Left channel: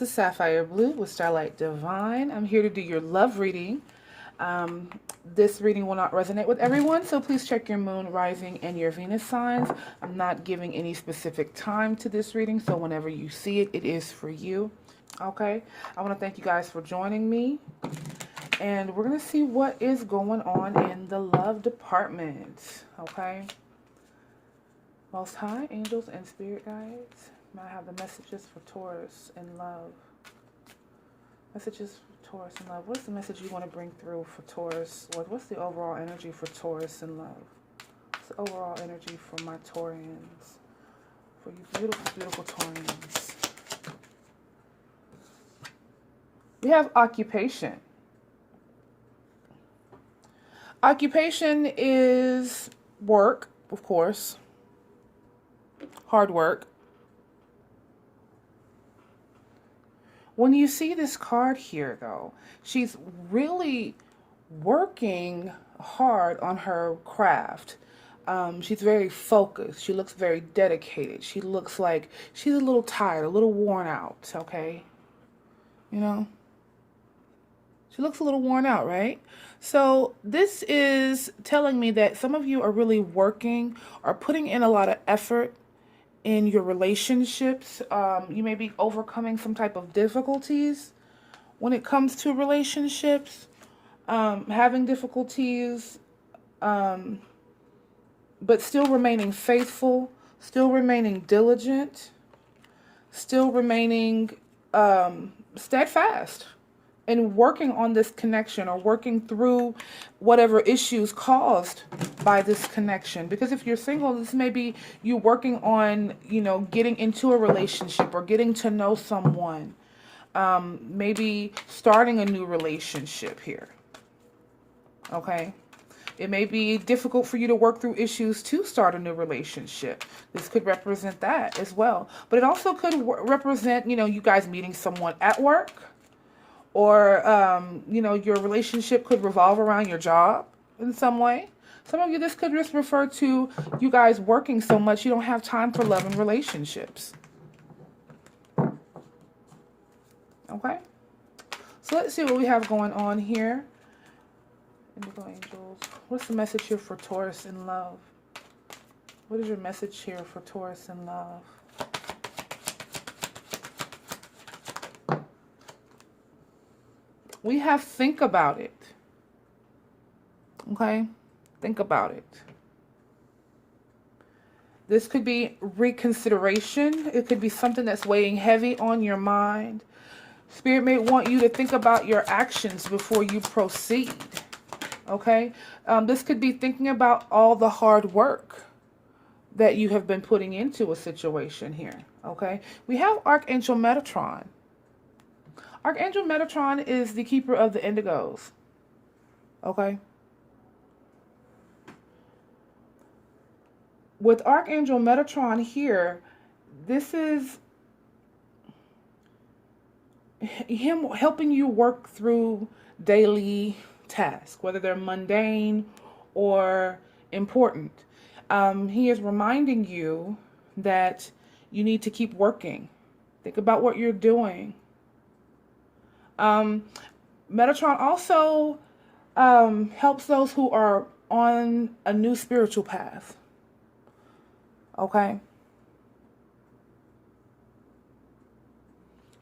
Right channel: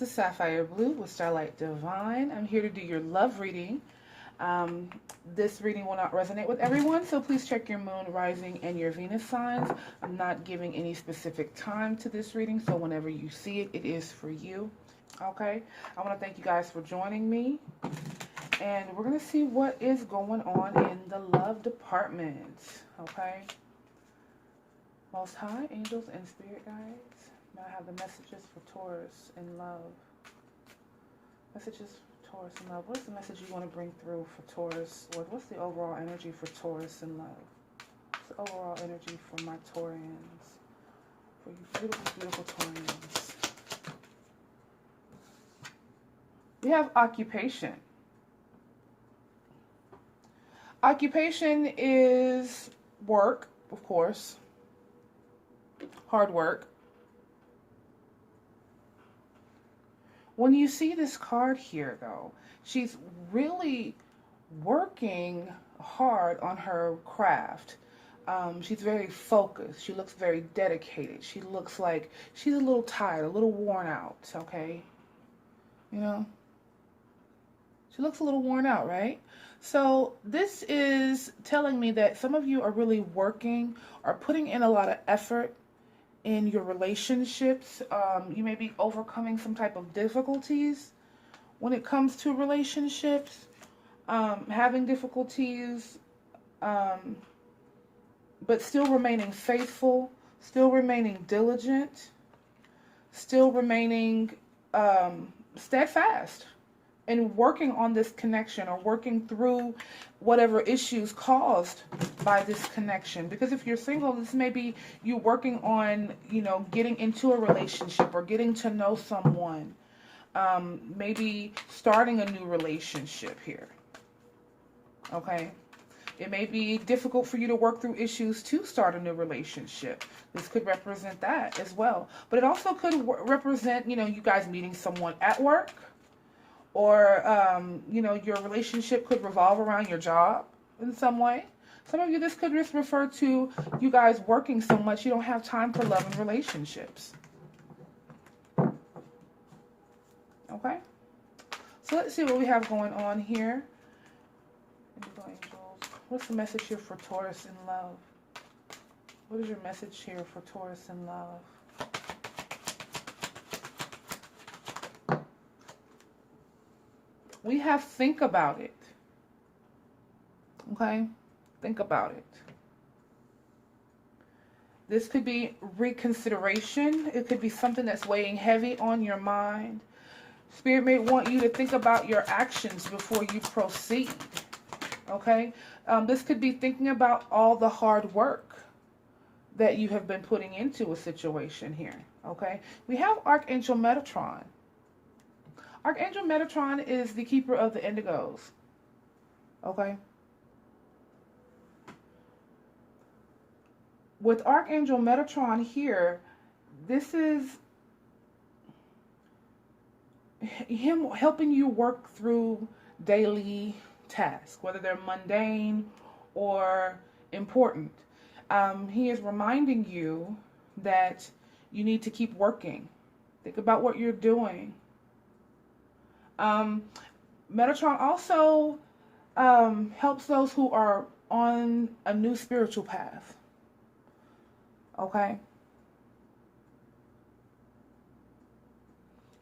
this is Sapphire Blue with Starlight Divine. I'm here to do your love reading. This reading will not resonate with everyone, so please check your moon, rising, and your Venus signs. I'm not giving any specific time to this reading, so whenever you see it, it is for you. Okay, I want to thank you guys for joining me, and we're going to see what is going on in the love department. Okay, Most High, angels, and spirit guides. Now I have the messages for Taurus in love. Messages for Taurus in love. What's the message you want to bring through for Taurus? Or what's the overall energy for Taurus in love? What's the overall energy for my Taurians? For you beautiful, beautiful Taurians. We have occupation. Occupation is work, of course. Hard work. When you see this card here, though, she's really working hard on her craft. She's very focused. She looks very dedicated. She looks like she's a little tired, a little worn out, okay? You know? She looks a little worn out, right? So this is telling me that some of you are really working or putting in a lot of effort in your relationships. You may be overcoming some type of difficulties when it comes to relationships, having difficulties, but still remaining faithful, still remaining diligent, still remaining steadfast and working on this connection or working through whatever issues caused by this connection. Because if you're single, this may be you working on, you know, getting into a relationship or getting to know someone. Maybe starting a new relationship here. Okay? It may be difficult for you to work through issues to start a new relationship. This could represent that as well. But it also could represent, you know, you guys meeting someone at work. Or, you know, your relationship could revolve around your job in some way. Some of you, this could just refer to you guys working so much you don't have time for love and relationships. Okay? So let's see what we have going on here. Indigo Angels. What's the message here for Taurus in love? What is your message here for Taurus in love? We have think about it. Okay? Think about it. This could be reconsideration. It could be something that's weighing heavy on your mind. Spirit may want you to think about your actions before you proceed. Okay? This could be thinking about all the hard work that you have been putting into a situation here. Okay? We have Archangel Metatron. Archangel Metatron is the keeper of the indigos. Okay? With Archangel Metatron here, this is him helping you work through daily tasks, whether they're mundane or important. He is reminding you that you need to keep working. Think about what you're doing. Metatron also helps those who are on a new spiritual path. Okay?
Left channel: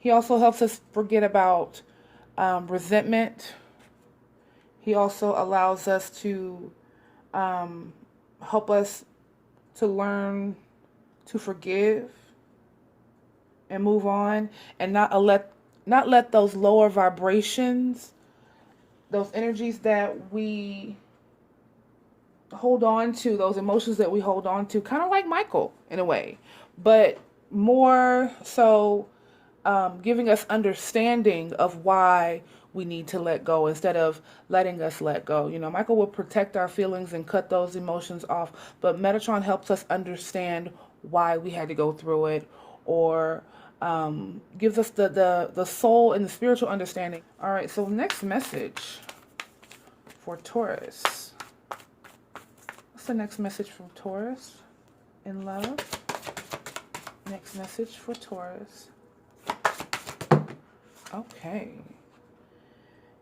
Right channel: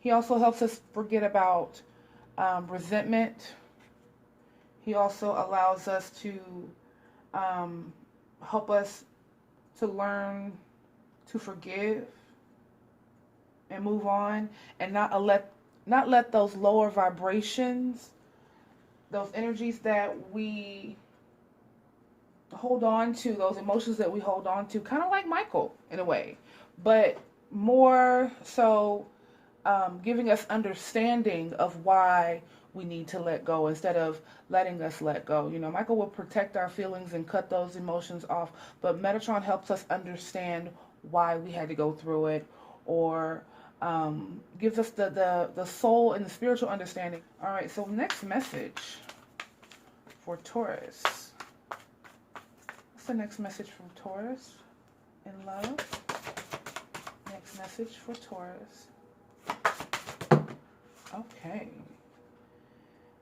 He also helps us forget about resentment. He also allows us to help us to learn to forgive and move on and not let those lower vibrations, those energies that we hold on to, those emotions that we hold on to, kind of like Michael in a way, but more so giving us understanding of why we need to let go instead of letting us let go. You know, Michael will protect our feelings and cut those emotions off, but Metatron helps us understand why we had to go through it, or gives us the soul and the spiritual understanding. All right, so next message for Taurus. What's the next message from Taurus in love? Next message for Taurus. Okay.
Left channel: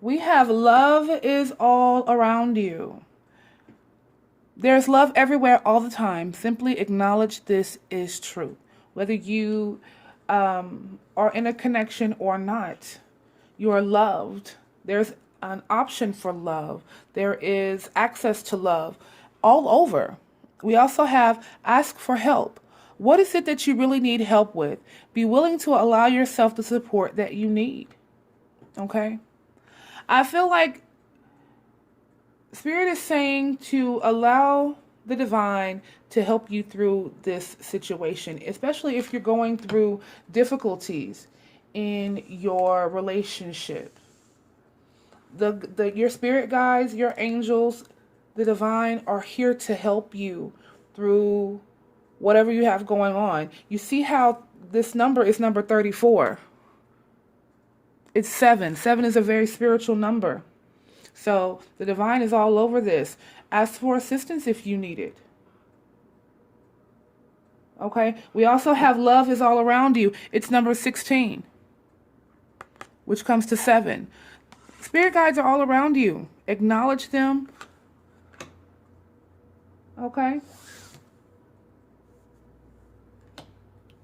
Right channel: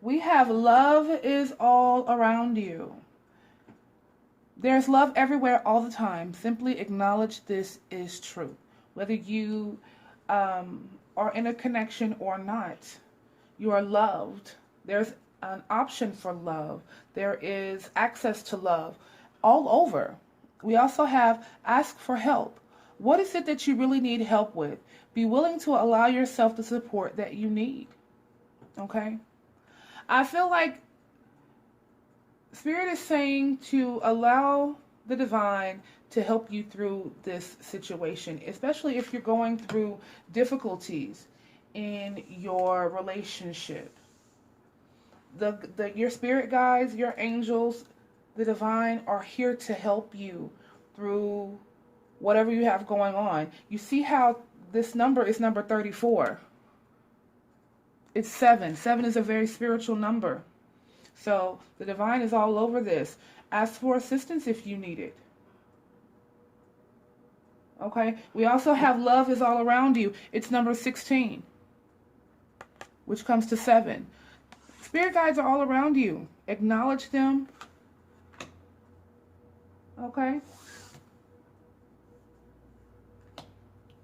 We have love is all around you. There's love everywhere all the time. Simply acknowledge this is true. Whether you are in a connection or not, you are loved. There's an option for love. There is access to love all over. We also have ask for help. What is it that you really need help with? Be willing to allow yourself the support that you need. Okay? I feel like Spirit is saying to allow the divine to help you through this situation, especially if you're going through difficulties in your relationship. Your spirit guides, your angels, the divine are here to help you through whatever you have going on. You see how this number is number 34. It's 7. 7 is a very spiritual number. So the divine is all over this. Ask for assistance if you need it. Okay? We also have love is all around you. It's number 16, which comes to 7. Spirit guides are all around you. Acknowledge them. Okay?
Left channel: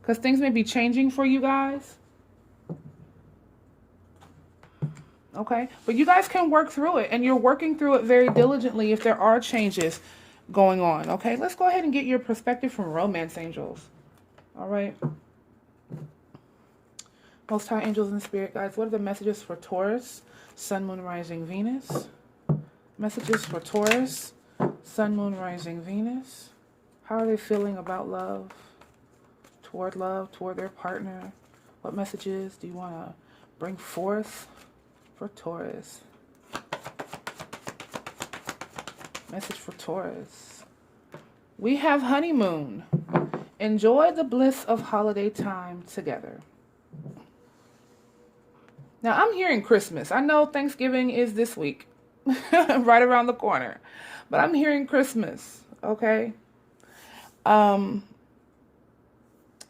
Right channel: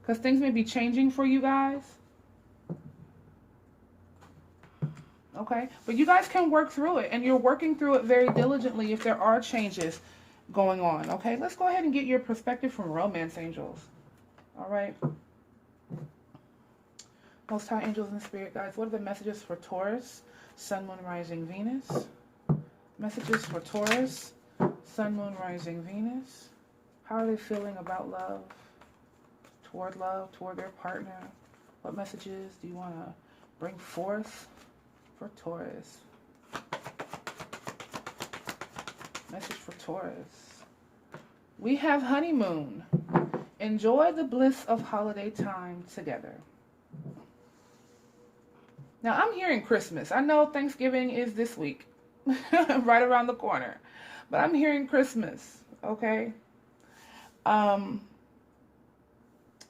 Because things may be changing for you guys. Okay? But you guys can work through it. And you're working through it very diligently if there are changes going on. Okay? Let's go ahead and get your perspective from romance angels. All right? Most High Angels and Spirit Guides, what are the messages for Taurus, Sun, Moon, Rising, Venus? Messages for Taurus, Sun, Moon, Rising, Venus. How are they feeling about love, toward their partner? What messages do you want to bring forth for Taurus? Message for Taurus. We have honeymoon. Enjoy the bliss of holiday time together. Now, I'm hearing Christmas. I know Thanksgiving is this week, right around the corner. But I'm hearing Christmas, okay? Some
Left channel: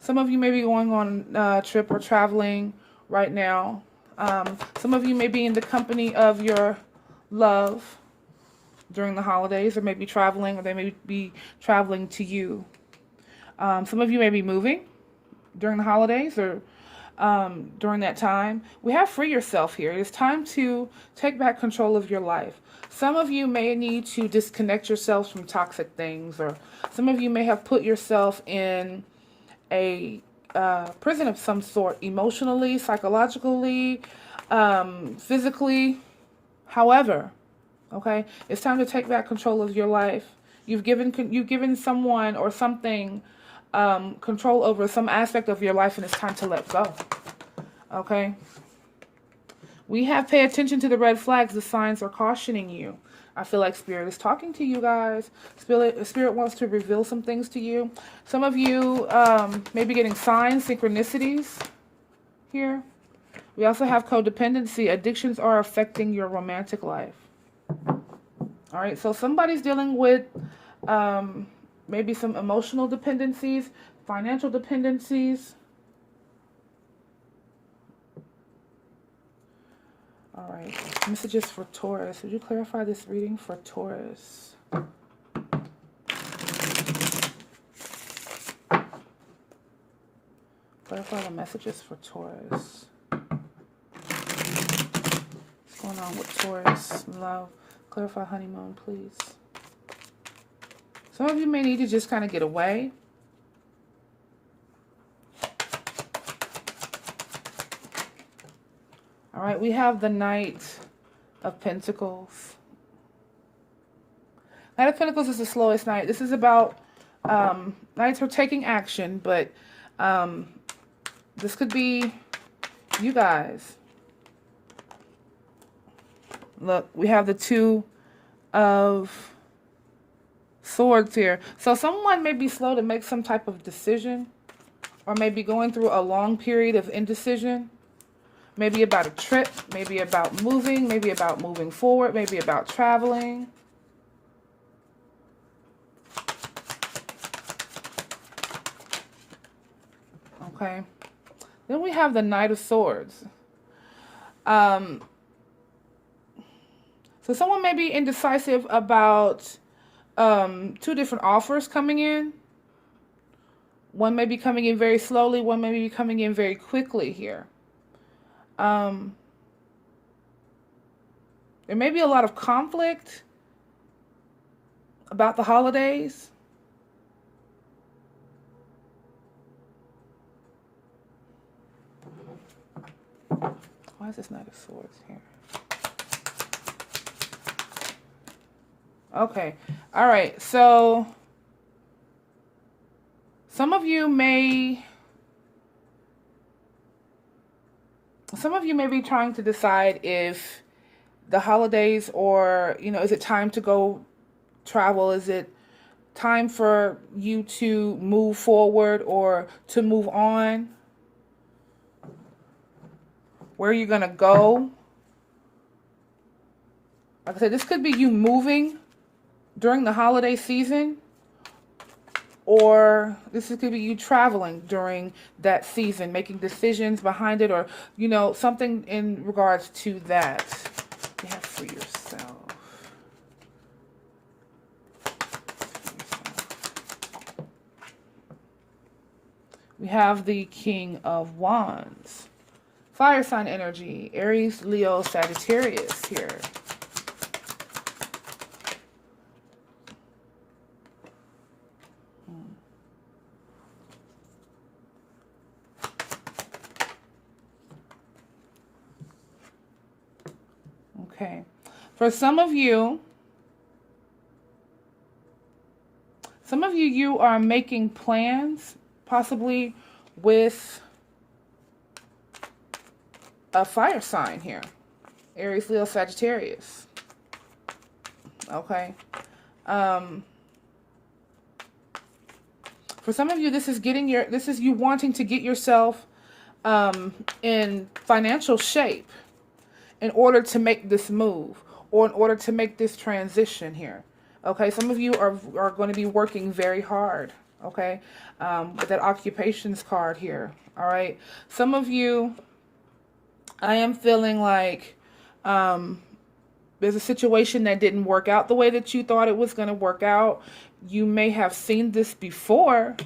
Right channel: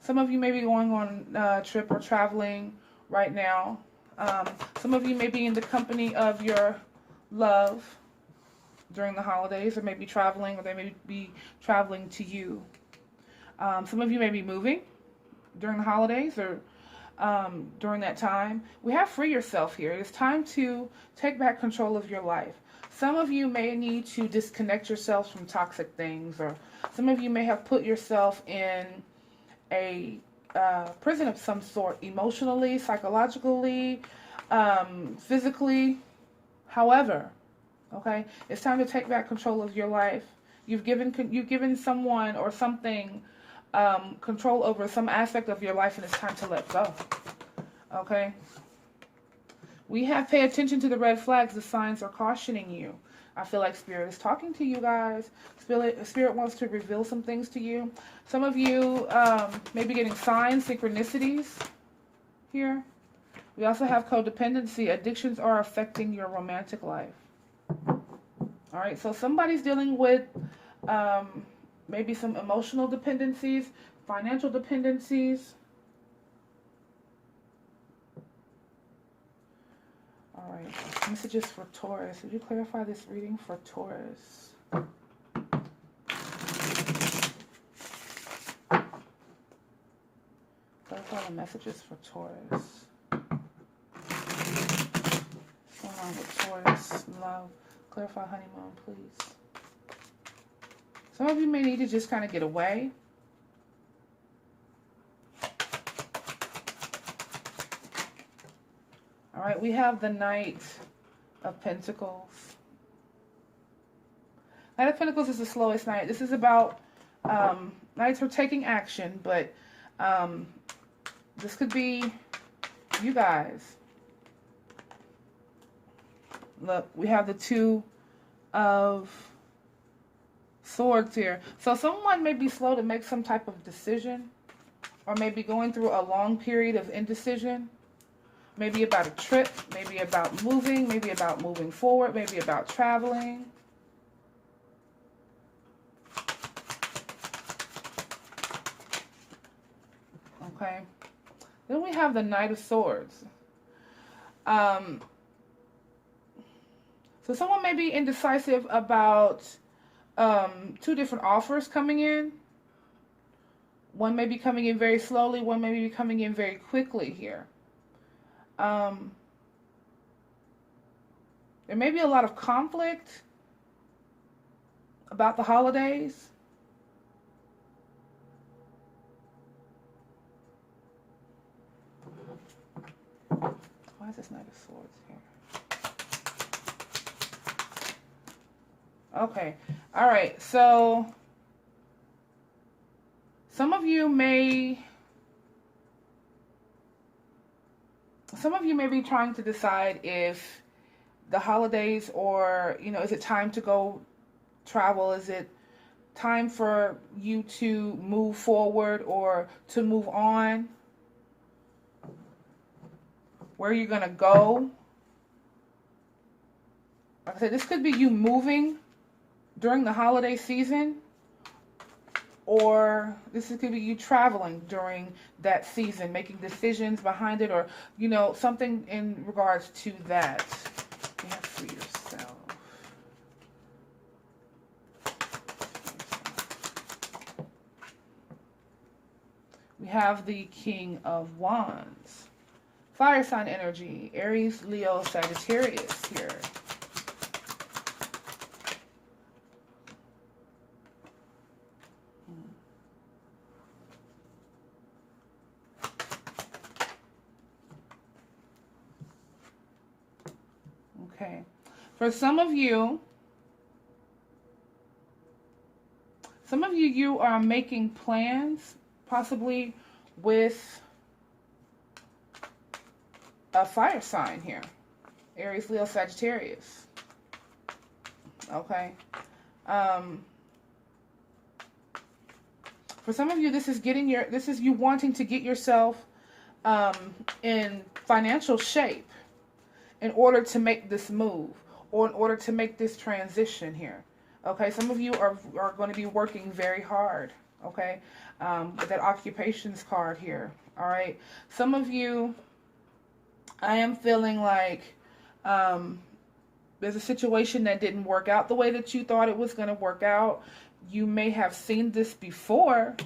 of you may be going on a trip or traveling right now. Some of you may be in the company of your love during the holidays, or maybe traveling, or they may be traveling to you. Some of you may be moving during the holidays, or during that time. We have free yourself here. It's time to take back control of your life. Some of you may need to disconnect yourselves from toxic things, or some of you may have put yourself in a prison of some sort, emotionally, psychologically, physically, however. Okay, it's time to take back control of your life. You've given someone or something control over some aspect of your life, and it's time to let go. Okay? We have pay attention to the red flags. The signs are cautioning you. I feel like Spirit is talking to you guys. Spirit wants to reveal some things to you. Some of you may be getting signs, synchronicities here. We also have codependency. Addictions are affecting your romantic life. All right, so somebody's dealing with maybe some emotional dependencies, financial dependencies. All right, messages for Taurus. Would you clarify this reading for Taurus? Clarify the messages for Taurus. What's going on with Taurus? Love. Clarify honeymoon, please. Some of you may need to just kind of get away. All right, we have the Knight of Pentacles. Knight of Pentacles is the slowest knight. This is about knights are taking action, but this could be you guys. Look, we have the Two of Swords here. So someone may be slow to make some type of decision, or maybe going through a long period of indecision. Maybe about a trip, maybe about moving, maybe about moving forward, maybe about traveling. Okay. Then we have the Knight of Swords. So someone may be indecisive about two different offers coming in. One may be coming in very slowly. One may be coming in very quickly here. There may be a lot of conflict about the holidays. Why is this Knight of Swords here? Okay. All right. So some of you may be trying to decide if the holidays, or, you know, is it time to go travel? Is it time for you to move forward or to move on? Where are you going to go? Like I said, this could be you moving during the holiday season, or this could be you traveling during that season, making decisions behind it, or, you know, something in regards to that. You have for yourself. We have the King of Wands. Fire sign energy, Aries, Leo, Sagittarius here. Okay. For some of you, you are making plans, possibly with a fire sign here. Aries, Leo, Sagittarius. Okay. For some of you, this is you wanting to get yourself in financial shape in order to make this move, or in order to make this transition here. Okay, some of you are going to be working very hard. Okay, with that occupations card here. All right, some of you, I am feeling like there's a situation that didn't work out the way that you thought it was going to work out. You may have seen this before.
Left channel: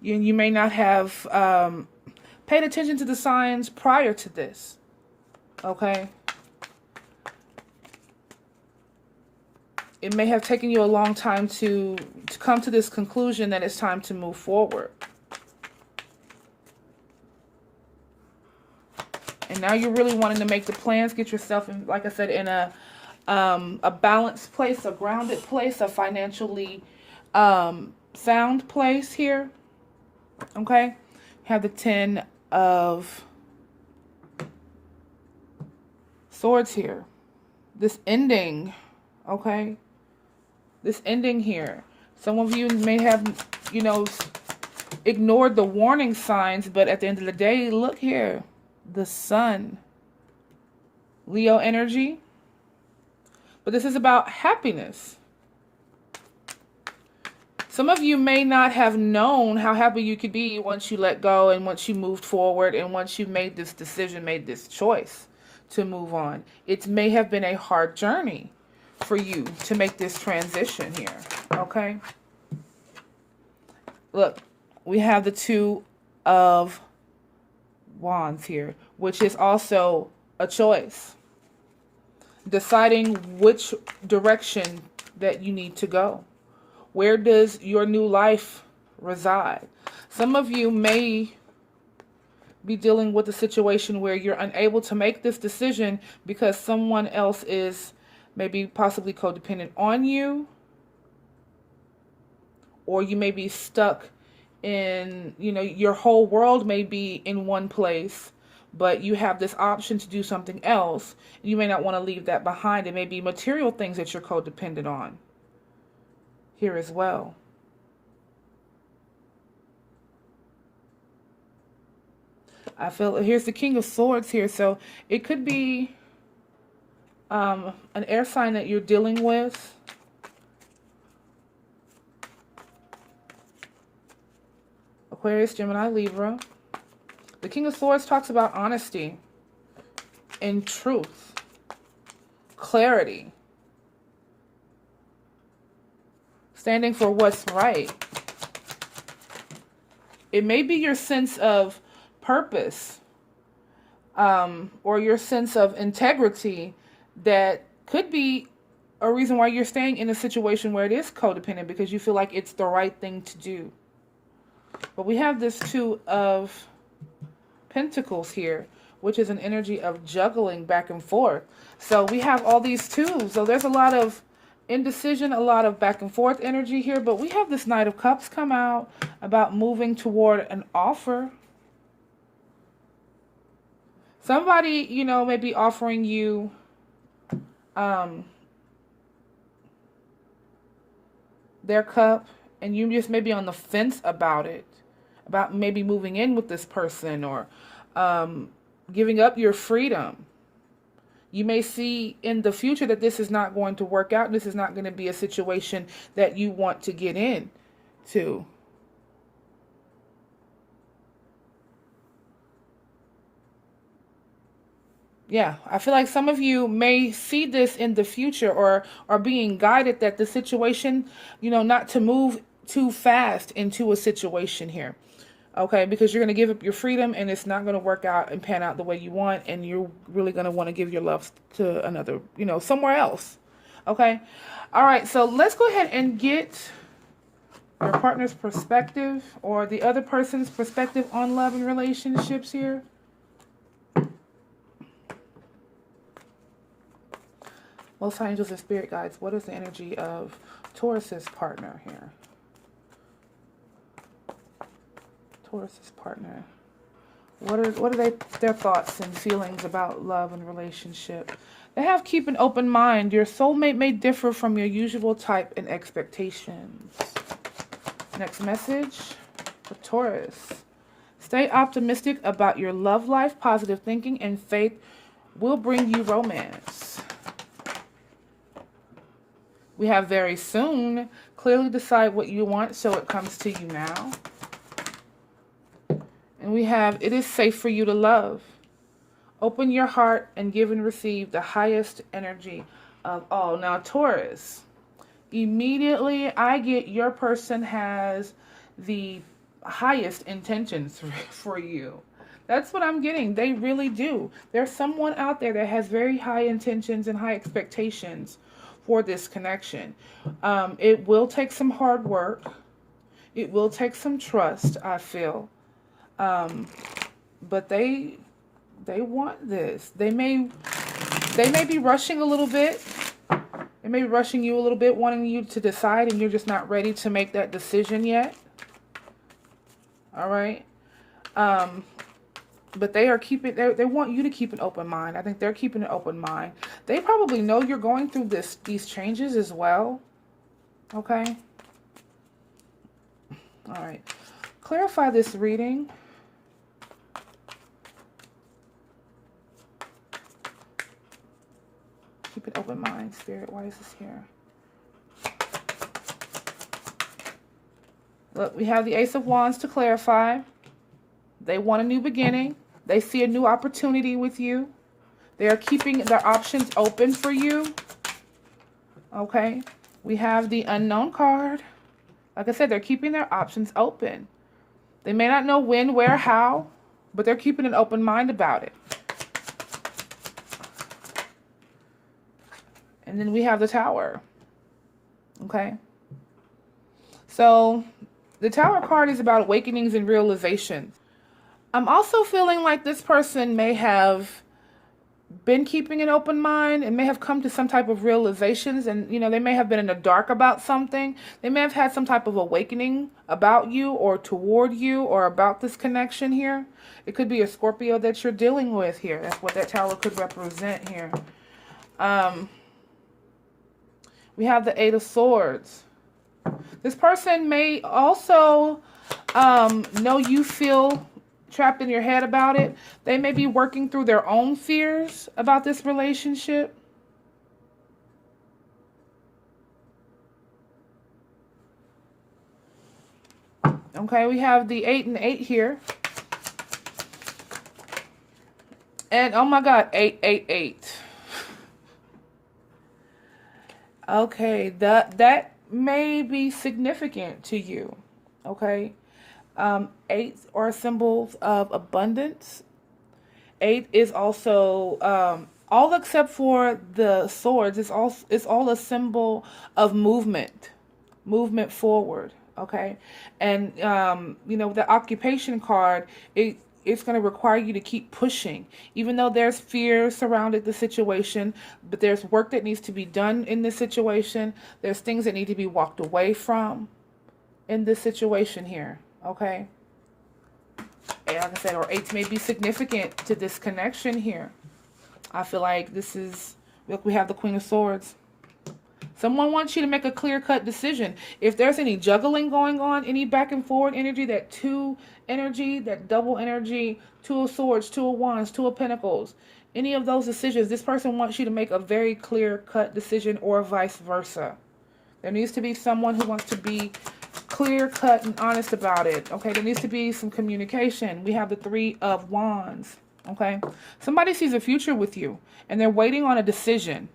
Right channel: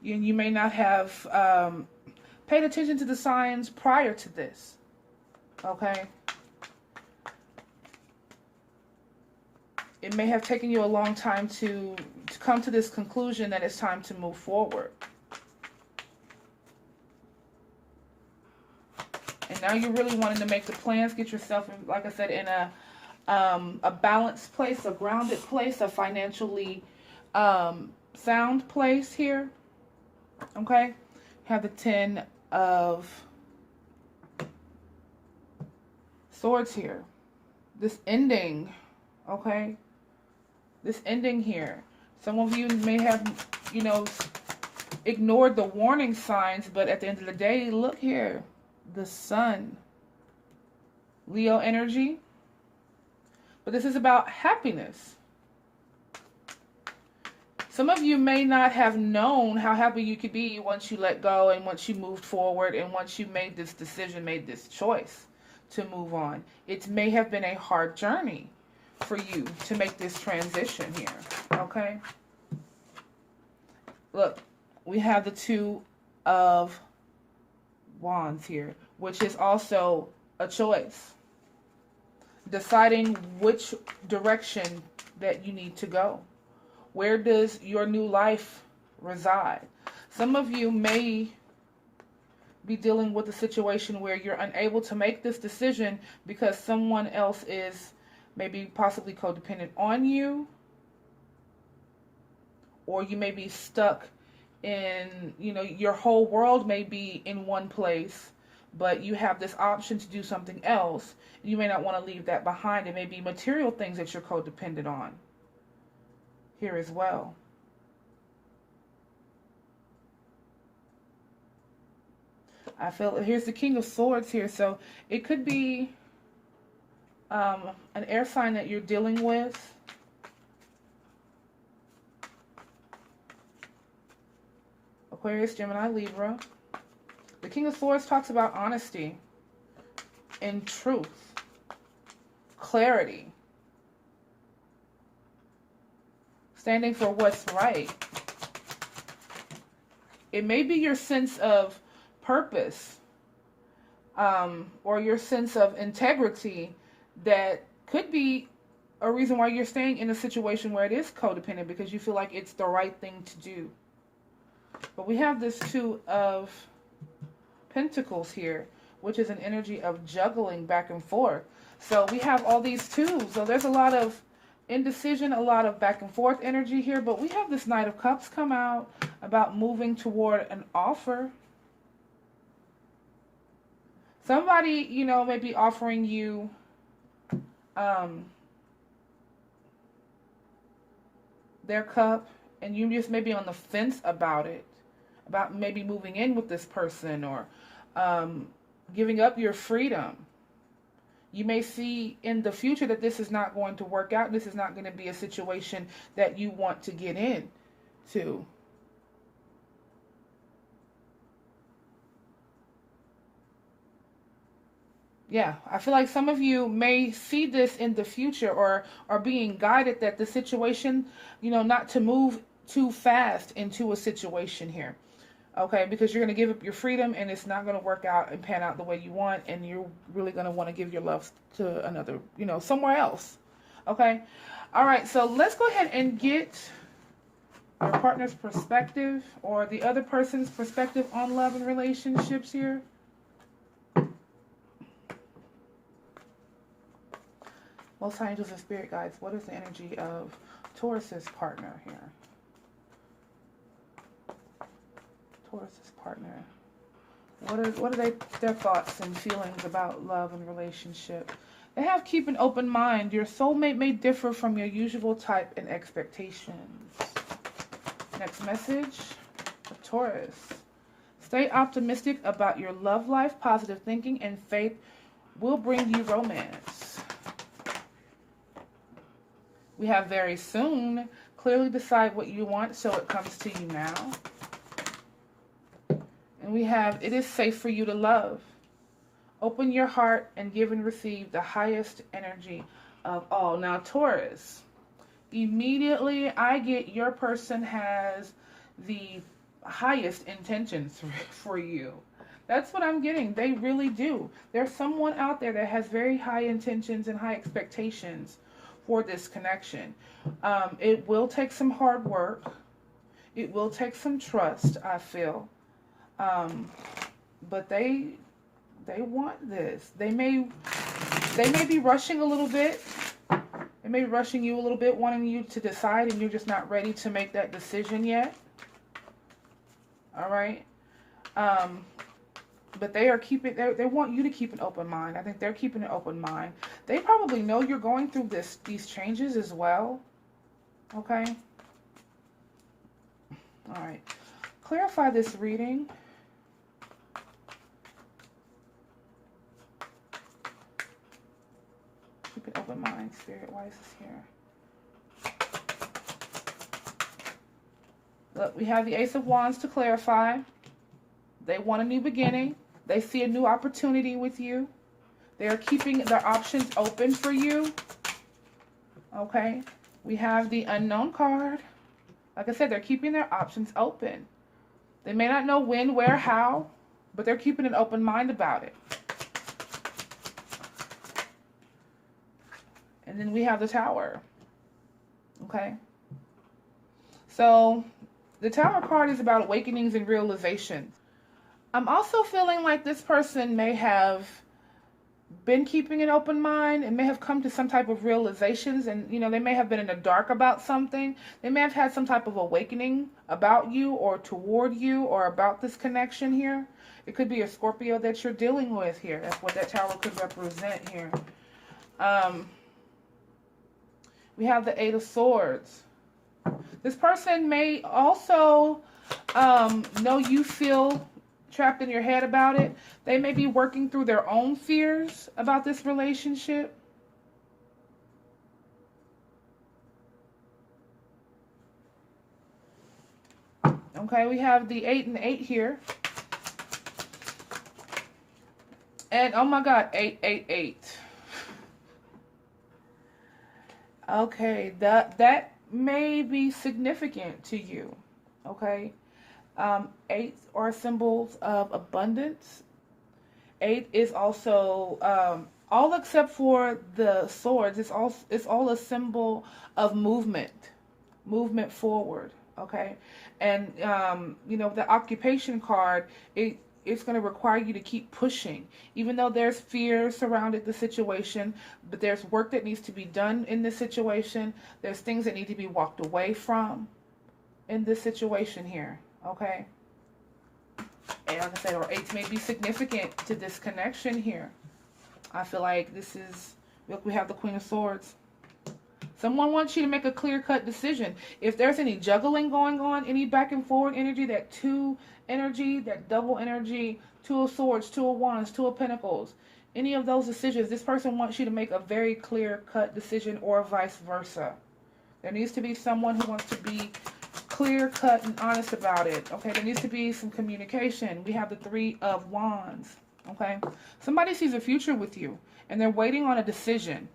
You may not have paid attention to the signs prior to this. Okay. It may have taken you a long time to come to this conclusion that it's time to move forward. And now you're really wanting to make the plans, get yourself in, like I said, in a balanced place, a grounded place, a financially sound place here. Okay? You have the 10 of Swords here. This ending, okay? This ending here. Some of you may have, you know, ignored the warning signs, but at the end of the day, look here. The Sun. Leo energy. But this is about happiness. Some of you may not have known how happy you could be once you let go and once you moved forward and once you made this decision, made this choice to move on. It may have been a hard journey for you to make this transition here, okay? Look, we have the 2 of Wands here, which is also a choice. Deciding which direction that you need to go. Where does your new life reside? Some of you may be dealing with a situation where you're unable to make this decision because someone else is maybe possibly codependent on you, or you may be stuck in, you know, your whole world may be in one place, but you have this option to do something else. You may not want to leave that behind. It may be material things that you're codependent on here as well. I feel here's the King of Swords here, so it could be an air sign that you're dealing with. Aquarius, Gemini, Libra. The King of Swords talks about honesty. in truth, clarity, standing for what's right. It may be your sense of purpose, or your sense of integrity that could be a reason why you're staying in a situation where it is codependent, because you feel like it's the right thing to do. But we have this Two of Pentacles here, which is an energy of juggling back and forth. So we have all these twos. So there's a lot of indecision, a lot of back and forth energy here. But we have this Knight of Cups come out about moving toward an offer. Somebody, you know, may be offering you their cup, and you just may be on the fence about it, about maybe moving in with this person, or giving up your freedom. You may see in the future that this is not going to work out. This is not going to be a situation that you want to get into. Yeah, I feel like some of you may see this in the future, or are being guided that the situation, you know, not to move too fast into a situation here. Okay, because you're going to give up your freedom and it's not going to work out and pan out the way you want, and you're really going to want to give your love to another, you know, somewhere else. Okay, all right, so let's go ahead and get your partner's perspective, or the other person's perspective on love and relationships here. Most High Angels and Spirit Guides, what is the energy of Taurus's partner here? Taurus's partner. What are their thoughts and feelings about love and relationship? They have keep an open mind. Your soulmate may differ from your usual type and expectations. Next message for Taurus. Stay optimistic about your love life. Positive thinking and faith will bring you romance. We have very soon. Clearly decide what you want so it comes to you now. And we have, it is safe for you to love. Open your heart and give and receive the highest energy of all. Now, Taurus, immediately I get your person has the highest intentions for you. That's what I'm getting. They really do. There's someone out there that has very high intentions and high expectations for this connection. It will take some hard work. It will take some trust, I feel. But they want this. They may be rushing a little bit. They may be rushing you a little bit, wanting you to decide, and you're just not ready to make that decision yet. All right. But they are keeping, they want you to keep an open mind. I think they're keeping an open mind. They probably know you're going through these changes as well. Okay. All right. Clarify this reading. Keep an open mind, Spirit. Why is this here? Look, we have the Ace of Wands to clarify. They want a new beginning. They see a new opportunity with you. They are keeping their options open for you. Okay. We have the Unknown card. Like I said, they're keeping their options open. They may not know when, where, how, but they're keeping an open mind about it. And then we have the Tower. Okay. So the Tower card is about awakenings and realizations. I'm also feeling like this person may have been keeping an open mind and may have come to some type of realizations, and you know, they may have been in the dark about something. They may have had some type of awakening about you or toward you or about this connection here. It could be a Scorpio that you're dealing with here. That's what that Tower could represent here. We have the Eight of Swords. This person may also know you feel trapped in your head about it. They may be working through their own fears about this relationship. Okay, we have the 8 and 8 here. And oh my God, 888. Okay, that may be significant to you. Okay. Eights are symbols of abundance. Eight is also all except for the swords. It's all a symbol of movement forward. Okay, and the occupation card, it's going to require you to keep pushing, even though there's fear surrounding the situation. But there's work that needs to be done in this situation. There's things that need to be walked away from in this situation here. Okay. And like I said, or eights may be significant to this connection here. I feel like this is, look, we have the Queen of Swords. Someone wants you to make a clear-cut decision. If there's any juggling going on, any back and forward energy, that two energy, that double energy, Two of Swords, Two of Wands, Two of Pentacles, any of those decisions, this person wants you to make a very clear-cut decision, or vice versa. There needs to be someone who wants to be clear cut and honest about it. Okay, there needs to be some communication. We have the Three of Wands. Okay, somebody sees a future with you and they're waiting on a decision.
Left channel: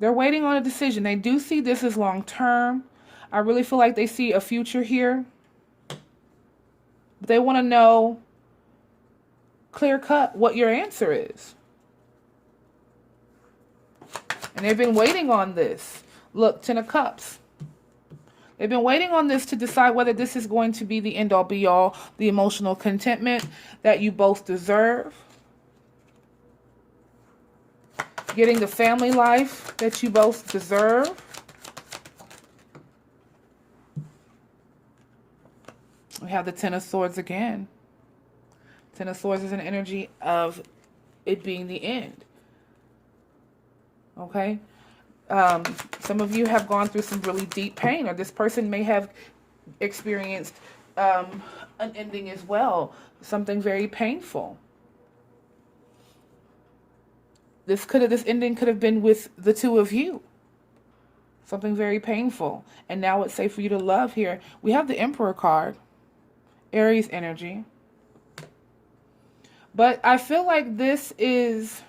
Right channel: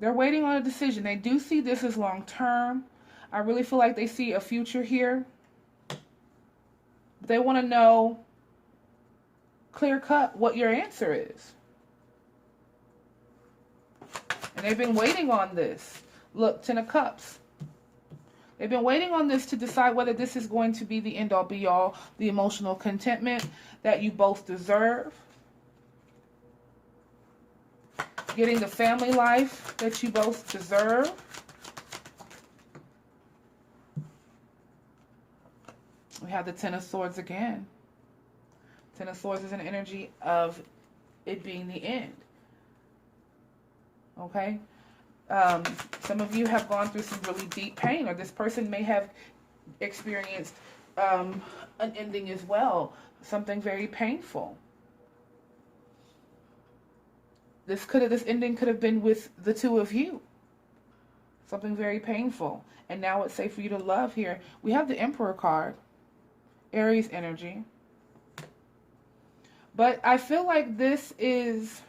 They're waiting on a decision. They do see this as long term. I really feel like they see a future here. But they want to know clear cut what your answer is. And they've been waiting on this. Look, Ten of Cups. They've been waiting on this to decide whether this is going to be the end-all be-all, the emotional contentment that you both deserve. Getting the family life that you both deserve. We have the Ten of Swords again. Ten of Swords is an energy of it being the end. Okay? Some of you have gone through some really deep pain, or this person may have experienced an ending as well. Something very painful. This ending could have been with the two of you. Something very painful. And now it's safe for you to love here. We have the Emperor card. Aries energy. But I feel like this is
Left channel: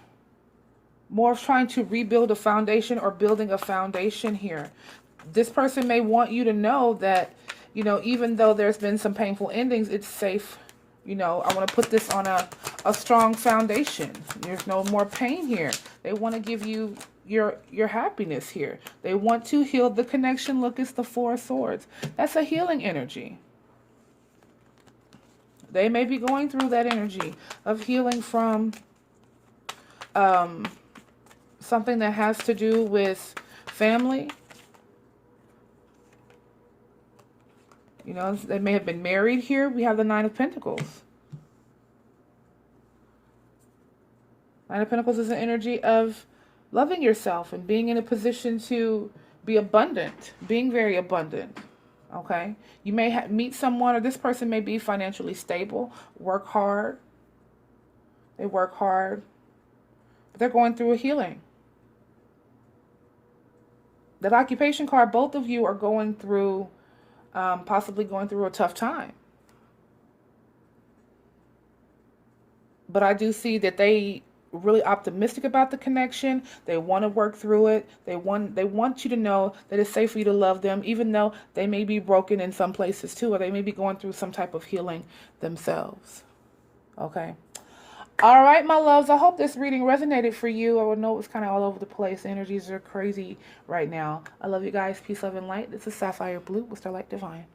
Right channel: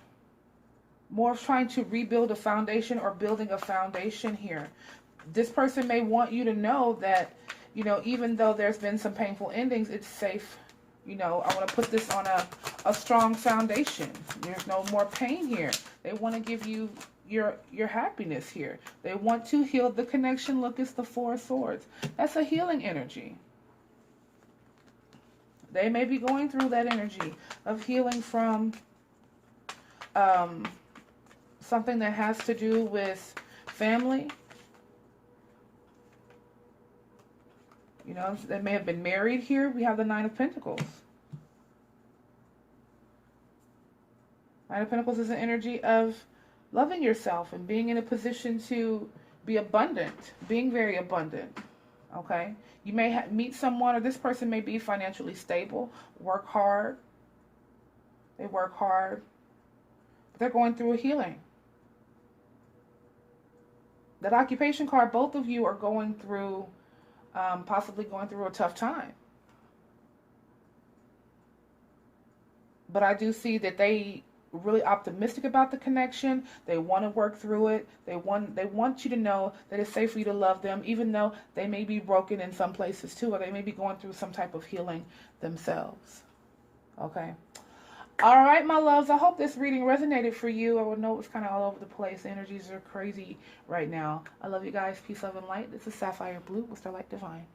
more of trying to rebuild a foundation, or building a foundation here. This person may want you to know that, even though there's been some painful endings, it's safe. I want to put this on a strong foundation. There's no more pain here. They want to give you your happiness here. They want to heal the connection. Look, it's the Four of Swords. That's a healing energy. They may be going through that energy of healing from something that has to do with family. They may have been married here. We have the Nine of Pentacles. Nine of Pentacles is an energy of loving yourself and being in a position to be abundant, being very abundant. Okay? You may meet someone, or this person may be financially stable, work hard. They work hard, but they're going through a healing. That occupation card, both of you are going through, possibly going through a tough time. But I do see that they really optimistic about the connection. They want to work through it. They want you to know that it's safe for you to love them, even though they may be broken in some places too, or they may be going through some type of healing themselves. Okay. All right, my loves, I hope this reading resonated for you. I know it's kind of all over the place. Energies are crazy right now. I love you guys. Peace, love, and light. This is Sapphire Blue with Starlight Divine.